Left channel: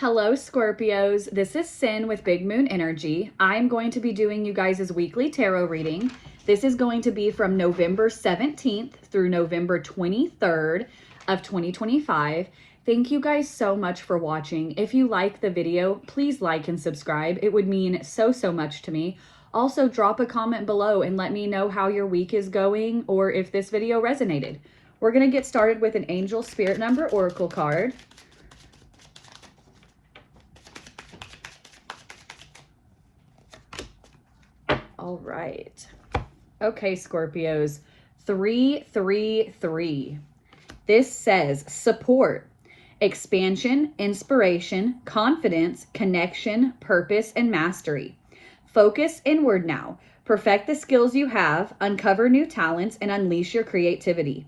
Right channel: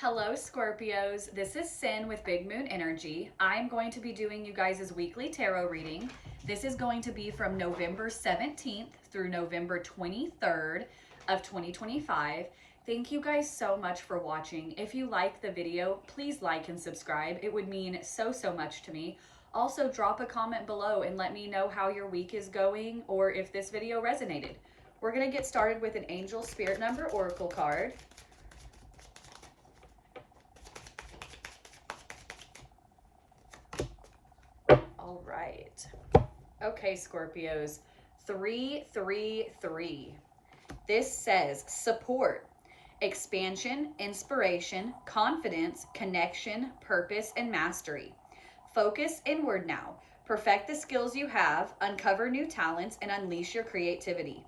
Hello, Scorpios. This is Sin with Big Moon Energy. I'm going to be doing you guys' weekly tarot reading. This is going to be from November 17th through November 23rd of 2025. Thank you guys so much for watching. If you like the video, please like and subscribe. It would mean so much to me. Also, drop a comment below and let me know how your week is going or if this video resonated. We're going to get started with an Angel Spirit Number Oracle card. All right. Okay, Scorpios. 333. This says support, expansion, inspiration, confidence, connection, purpose, and mastery. Focus inward now. Perfect the skills you have, uncover new talents, and unleash your creativity.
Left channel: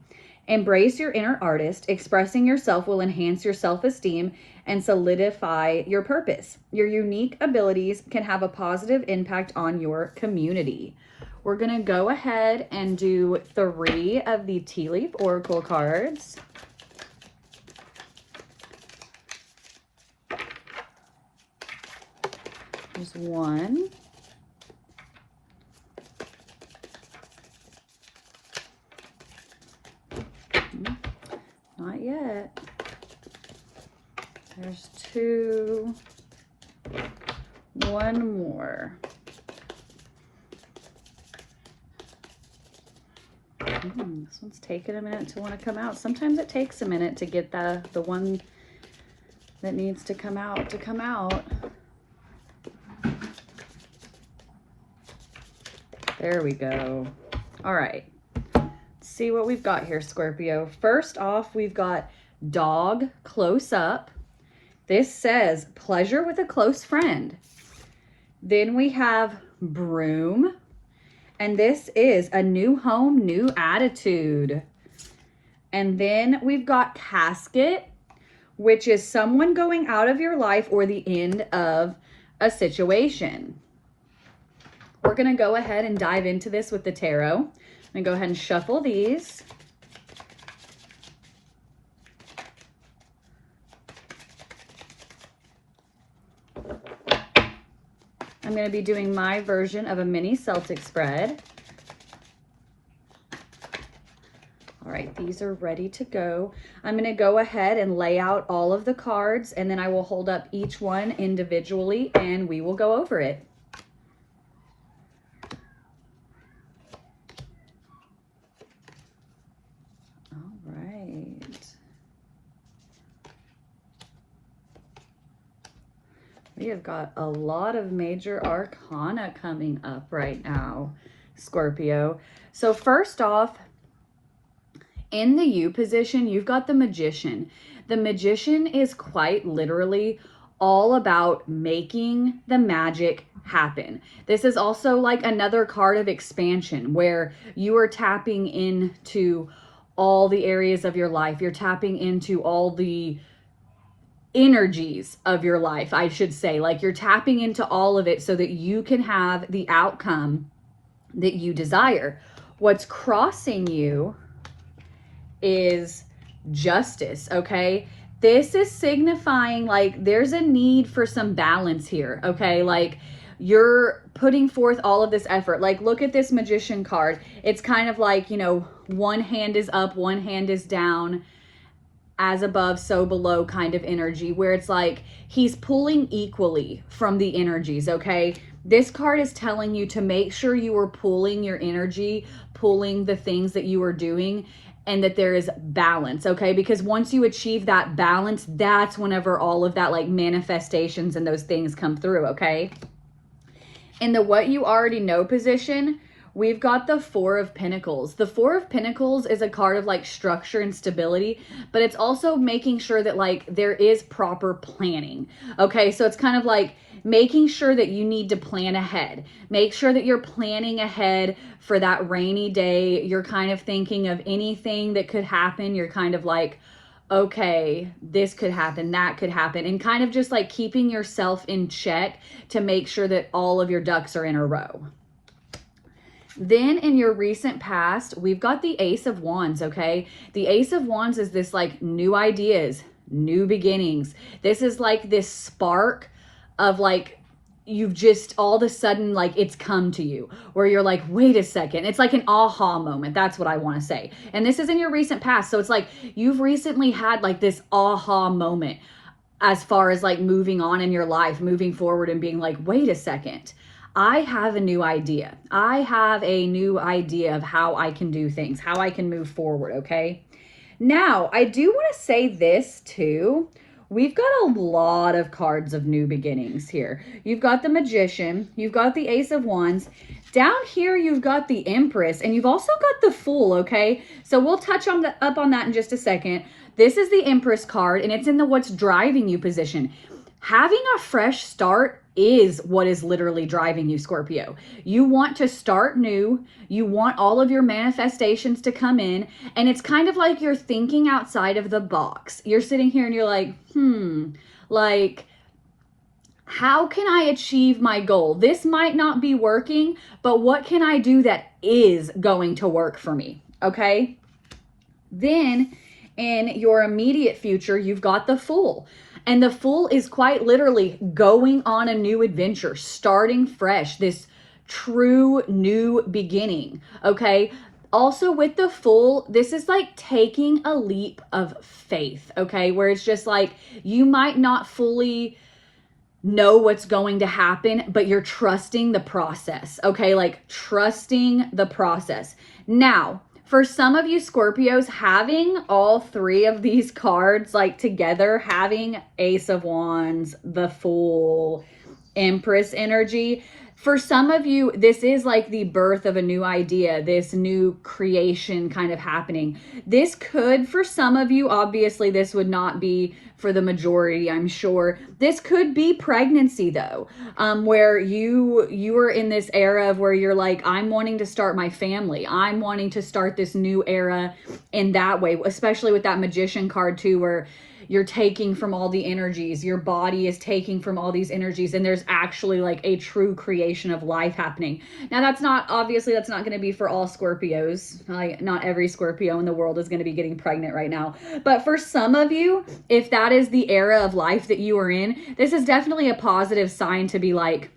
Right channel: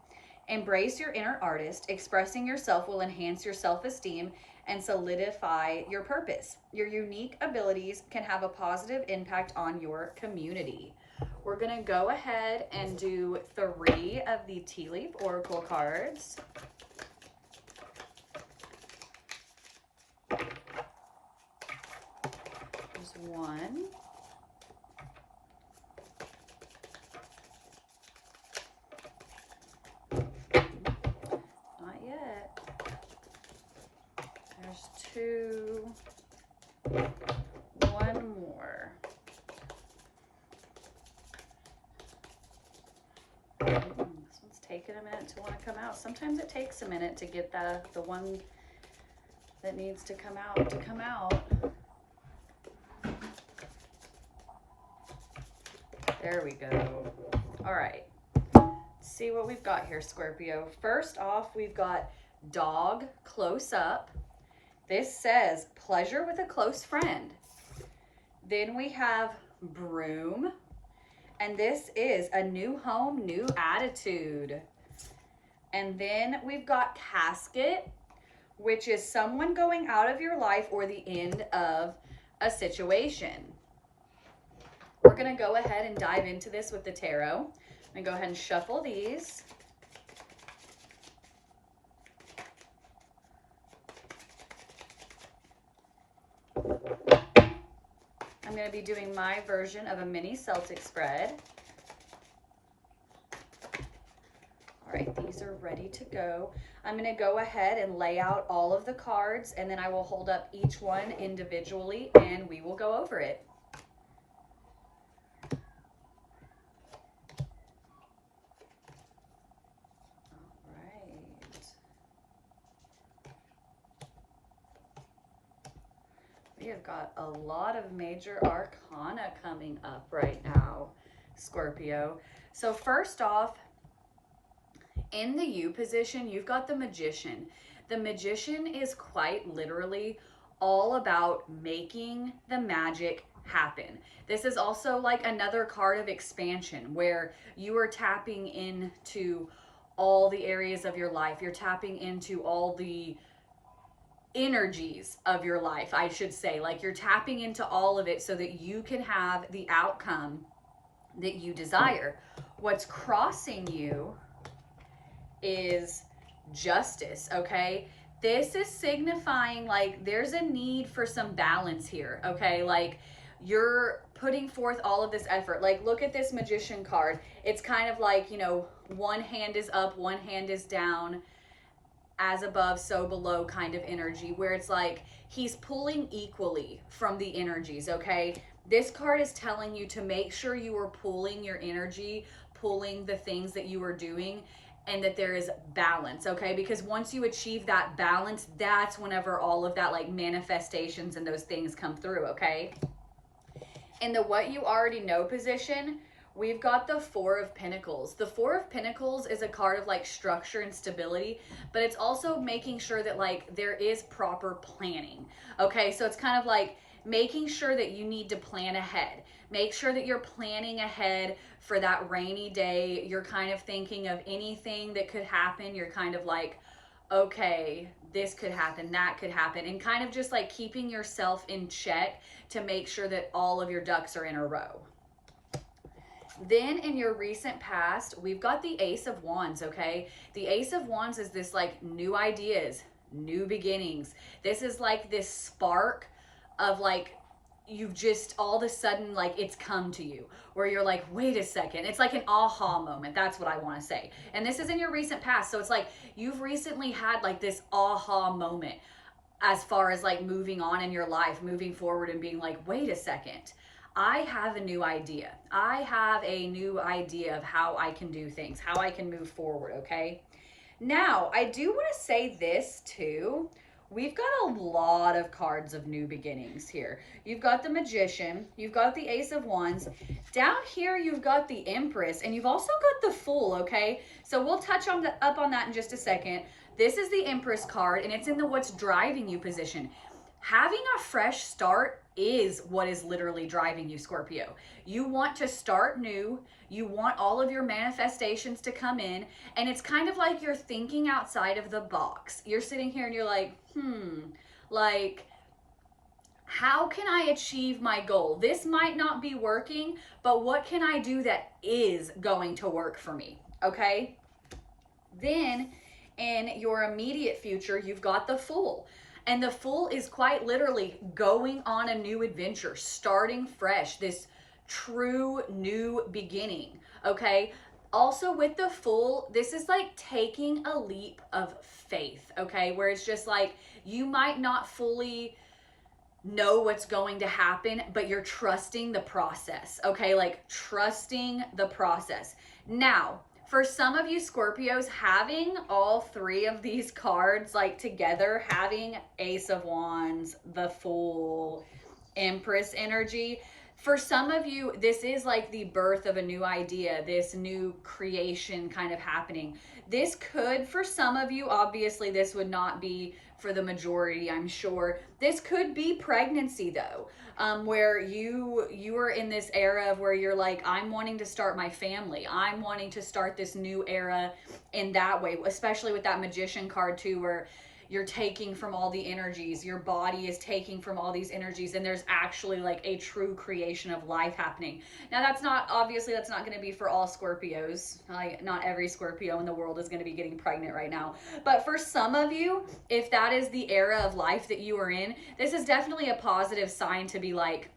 Embrace your inner artist. Expressing yourself will enhance your self-esteem and solidify your purpose. Your unique abilities can have a positive impact on your community. We're going to go ahead and do 3 of the Tea Leaf Oracle cards. There's 1. Not yet. There's 2. 1 more. This one's taking a minute to want to come out. Sometimes it takes a minute to get the one that needs to come out to come out. There we go. All right. See what we've got here, Scorpio. First off, we've got dog close up. This says pleasure with a close friend. Then we have broom, and this is a new home, new attitude. And then we've got casket, which is someone going out of your life or the end of a situation. We're going to go ahead and dive into this with the tarot. I'm going to go ahead and shuffle these. I'm going to be doing my version of a mini Celtic spread. All right, these are ready to go. I'm going to go ahead and lay out all of the cards, and then I will hold up each one individually, and we will go over it. We have got a lot of major arcana coming up right now, Scorpio. So first off, in the U position, you've got the Magician. The Magician is quite literally all about making the magic happen. This is also like another card of expansion where you are tapping into all the areas of your life. You're tapping into all the energies of your life, I should say. Like you're tapping into all of it so that you can have the outcome that you desire. What's crossing you is justice, okay? This is signifying like there's a need for some balance here, okay? Like you're putting forth all of this effort. Like look at this Magician card. It's kind of like, you know, one hand is up, one hand is down, as above, so below kind of energy, where it's like he's pulling equally from the energies, okay? This card is telling you to make sure you are pulling your energy, pulling the things that you are doing, and that there is balance, okay? Because once you achieve that balance, that's whenever all of that like manifestations and those things come through, okay? In the what you already know position, we've got the 4 of Pentacles. The 4 of Pentacles is a card of like structure and stability, but it's also making sure that like there is proper planning. Okay, so it's kind of like making sure that you need to plan ahead. Make sure that you're planning ahead for that rainy day. You're kind of thinking of anything that could happen. You're kind of like, okay, this could happen, that could happen, and kind of just like keeping yourself in check to make sure that all of your ducks are in a row. Then in your recent past, we've got the Ace of Wands, okay? The Ace of Wands is this like new ideas, new beginnings. This is like this spark of like, you've just all of a sudden, like, it's come to you where you're like, wait a second. It's like an aha moment. That's what I want to say. And this is in your recent past. So it's like you've recently had like this aha moment as far as like moving on in your life, moving forward and being like, wait a second. I have a new idea. I have a new idea of how I can do things, how I can move forward, okay? Now, I do want to say this too. We've got a lot of cards of new beginnings here. You've got the Magician, you've got the Ace of Wands. Down here, you've got the Empress, and you've also got the Fool, okay? So we'll touch on up on that in just a second. This is the Empress card, and it's in the what's driving you position. Having a fresh start is what is literally driving you, Scorpio. You want to start new. You want all of your manifestations to come in. And it's kind of like you're thinking outside of the box. You're sitting here and you're like, like, how can I achieve my goal? This might not be working, but what can I do that is going to work for me? Okay. Then in your immediate future, you've got the Fool. And the Fool is quite literally going on a new adventure, starting fresh, this true new beginning, okay? Also with the Fool, this is like taking a leap of faith, okay? Where it's just like, you might not fully know what's going to happen, but you're trusting the process, okay? Like trusting the process. Now, for some of you Scorpios, having all three of these cards like together, having Ace of Wands, the Fool, Empress energy, for some of you, this is like the birth of a new idea, this new creation kind of happening. This could, for some of you, obviously this would not be for the majority, I'm sure. This could be pregnancy though, where you are in this era of where you're like, I'm wanting to start my family. I'm wanting to start this new era in that way, especially with that Magician card too, where you're taking from all the energies, your body is taking from all these energies, and there's actually like a true creation of life happening. Now that's not, obviously that's not going to be for all Scorpios. Like not every Scorpio in the world is going to be getting pregnant right now. But for some of you, if that is the era of life that you are in, this is definitely a positive sign to be like,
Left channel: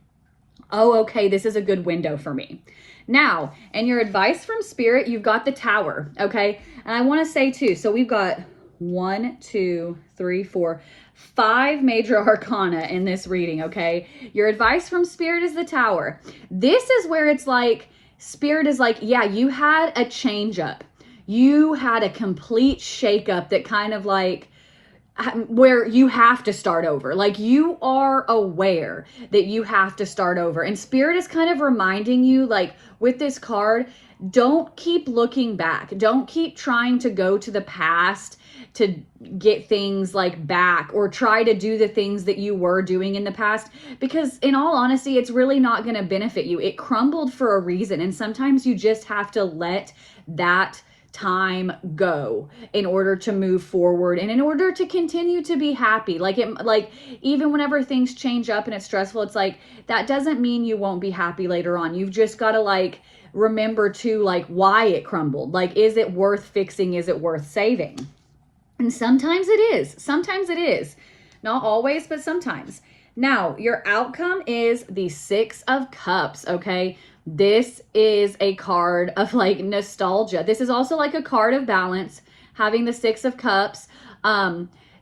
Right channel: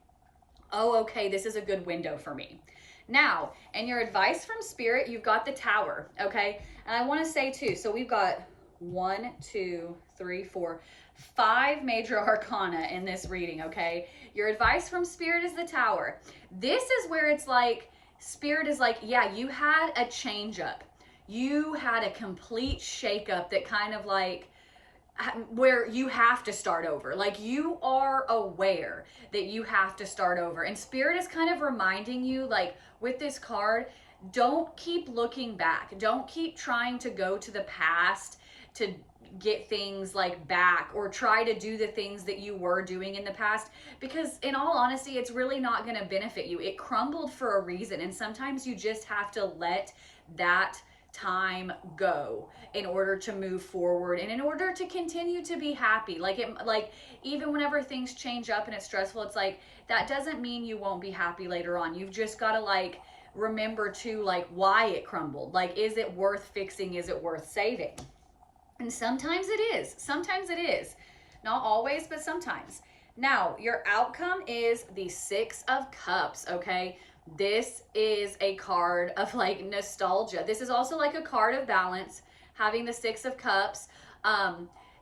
oh, okay, this is a good window for me. Now, and your advice from Spirit, you've got the Tower, okay? And I want to say too, so we've got 1, 2, 3, 4, 5 major arcana in this reading, okay? Your advice from Spirit is the Tower. This is where it's like, Spirit is like, yeah, you had a change up. You had a complete shakeup that kind of like, where you have to start over. Like you are aware that you have to start over. And Spirit is kind of reminding you, like with this card, don't keep looking back. Don't keep trying to go to the past to get things like back or try to do the things that you were doing in the past, because in all honesty, it's really not going to benefit you. It crumbled for a reason. And sometimes you just have to let that time go in order to move forward and in order to continue to be happy. Like even whenever things change up and it's stressful, it's like, that doesn't mean you won't be happy later on. You've just got to like remember to like why it crumbled. Like, is it worth fixing? Is it worth saving? And sometimes it is. Sometimes it is. Not always, but sometimes. Now, your outcome is the 6 of Cups, okay? This is a card of like nostalgia. This is also like a card of balance, having the 6 of Cups.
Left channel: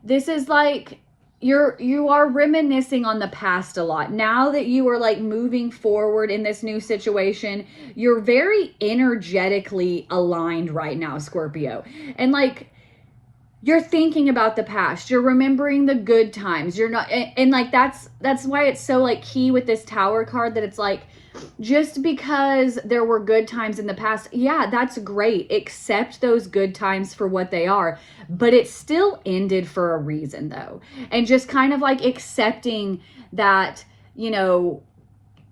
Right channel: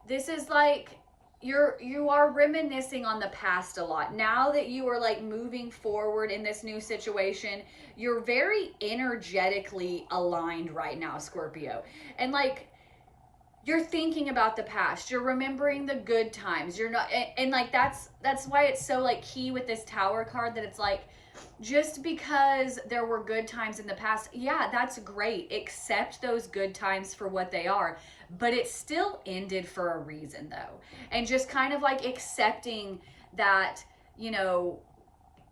This is like you are reminiscing on the past a lot. Now that you are like moving forward in this new situation, you're very energetically aligned right now, Scorpio. And like, you're thinking about the past, you're remembering the good times, you're not, and like that's why it's so like key with this Tower card, that it's like, just because there were good times in the past, yeah, that's great. Accept those good times for what they are, but it still ended for a reason though. And just kind of like accepting that, you know,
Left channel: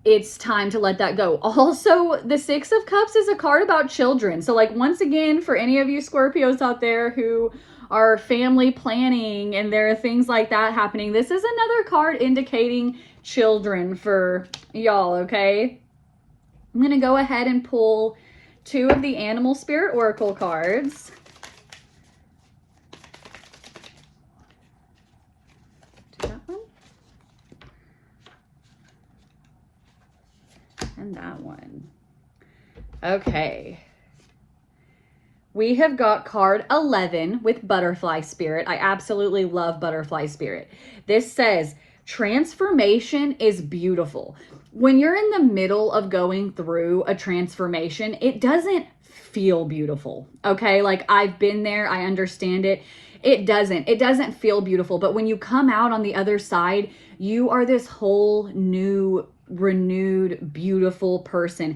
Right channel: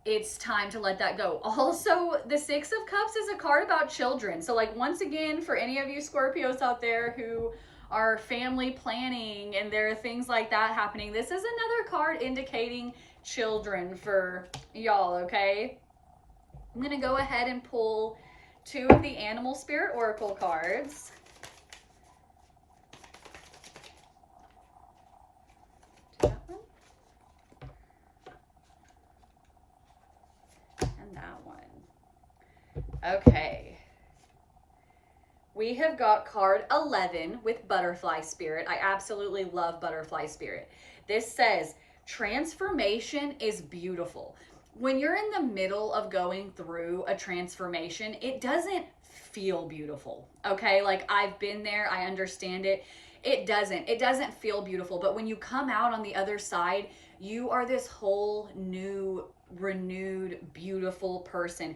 it's time to let that go. Also, the 6 of Cups is a card about children. So like, once again, for any of you Scorpios out there who are family planning and there are things like that happening, this is another card indicating children for y'all, okay? I'm going to go ahead and pull 2 of the Animal Spirit Oracle cards. And that one. Okay. We have got card 11 with Butterfly Spirit. I absolutely love Butterfly Spirit. This says, transformation is beautiful. When you're in the middle of going through a transformation, it doesn't feel beautiful, okay? Like, I've been there, I understand it. It doesn't feel beautiful, but when you come out on the other side, you are this whole new, renewed, beautiful person.